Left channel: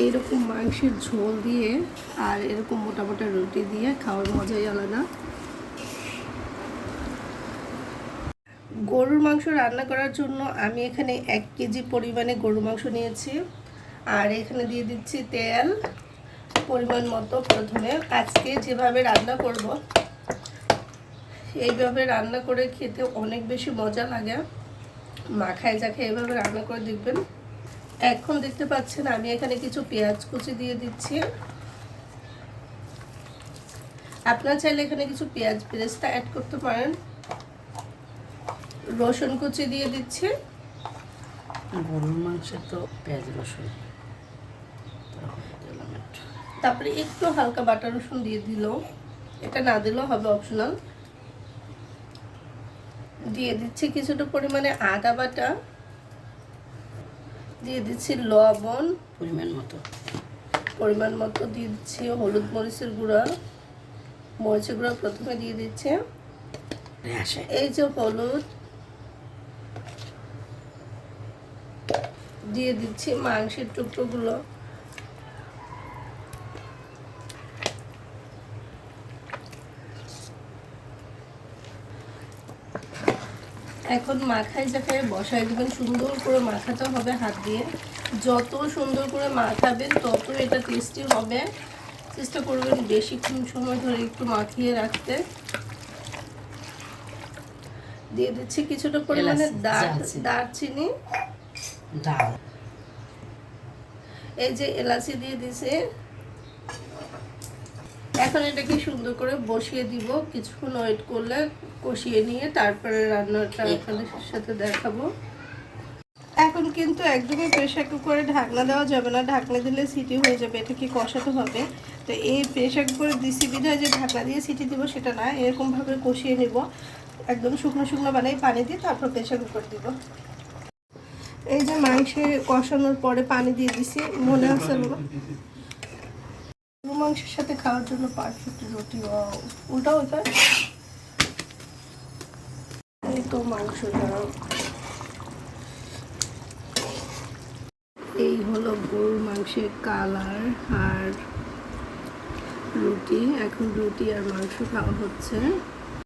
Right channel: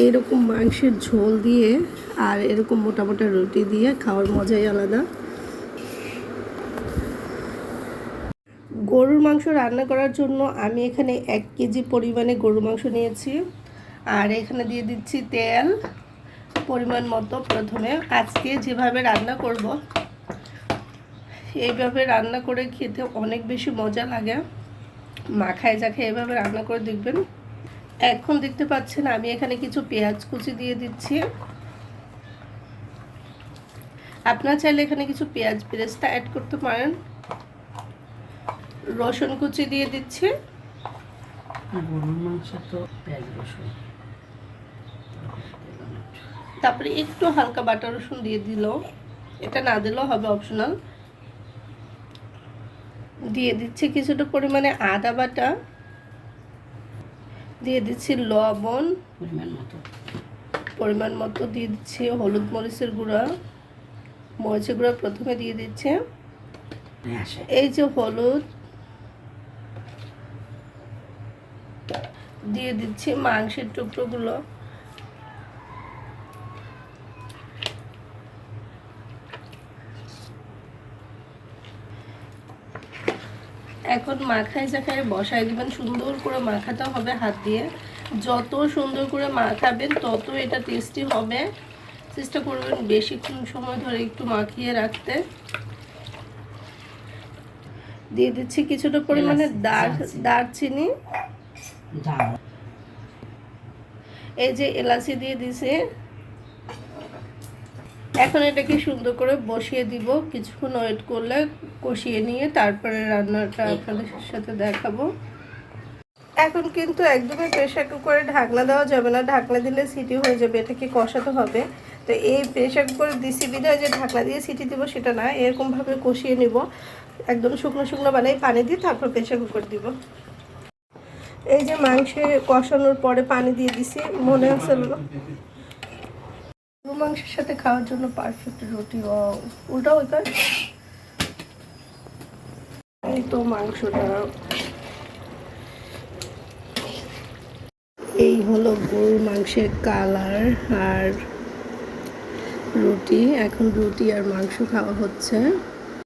এইরকম মাংসের ঝোল দিয়ে আর এরকম মোটা মোটা রুটি দিয়ে খাওয়ার মজাই আলাদা। গরুর মাংস রান্না করার জন্য আমি এখানে 1 কেজি পরিমাণে গরুর মাংস নিয়েছি। আর এখানে দিয়ে দিচ্ছি তেল পরিমাণ মতো। প্রথমে আজকে যেভাবে রান্না করব এইভাবে রান্না করে খেতে অনেক বেশি মজা লাগে। মাখায় জাখায় এভাবে রান্না করে দেখবেন। এখন দেখতে পাচ্ছেন আমি এখানে কিছু পেঁয়াজ কুচি দিয়ে দিচ্ছি। আপনারা চাইলে এখানে কিছু পেঁয়াজ বেরেস্তা অ্যাড করতে পারেন। রসুন কুচি দিয়ে দিচ্ছি। গরুর মাংসে তো পেঁয়াজ রসুন, তারপরে একটু হালকা বাটা রসুন দিয়ে দিল, এটা না দিলেও হবে, অপশনাল। দিয়ে দিচ্ছি কিছুটা পরিমাণে আদা বাটা, দিয়ে দিচ্ছি লবণ পরিমাণ মতো, দিয়ে দিচ্ছি হলুদ মরিচের গুঁড়া, মরিচের গুঁড়া প্রথমে দিয়ে দিচ্ছে। এই যে হলুদ, দিয়ে দিচ্ছি মাংসের টুকরোগুলো, এখন মাখায় জাখায় বসায় দেবেন। সুন্দর করে মাখাতে হবে হাত দিয়ে। যত সুন্দর করে মাখাবেন তত এটা টেস্টি হবে। চেষ্টা করবেন বেশিক্ষণ সময় ধরে একটু মাখিয়ে রাখতে। দিয়ে দিচ্ছি কিছুটা পরিমাণে দারচিনি, এই যে এলাচি দিয়ে দিছি। এখন এটাকে সুন্দর করে বসিয়ে দিব। কিছুক্ষণ ওয়েট করলে কষিয়ে নিয়ে তারপরে রান্নাটা আপনাদের সাথে দেখাবো। এখন কিন্তু একদমই প্রেসার কুকারে ঢাকনা দেওয়া যাবে না, ঢাকনা দিলে সিটি হয়ে যাবে, এটাকে কষাতে হবে। তো এই প্রেসার কুকারে দিছি বিধায় যে ঢাকনা দিয়ে সিটি দিব সেটা না, এরকমভাবে কষিয়ে নিব। একদম শুকনো শুকনো বানাই পানি দিয়ে তারপর প্রেসার কুকার দিব। এই যে মাংসে কষানোর পরে পানি দিয়ে দিছি, মনে আছে গরু মাংসের সাথে খাওয়ার জন্য পারফেক্ট রুটি। ওটাও ওইটা, এই তো মাংসটা। এই হলো গরুর মাংসের কালার আর রুটি। এখন রুটি আর মাংস খাওয়া হচ্ছে।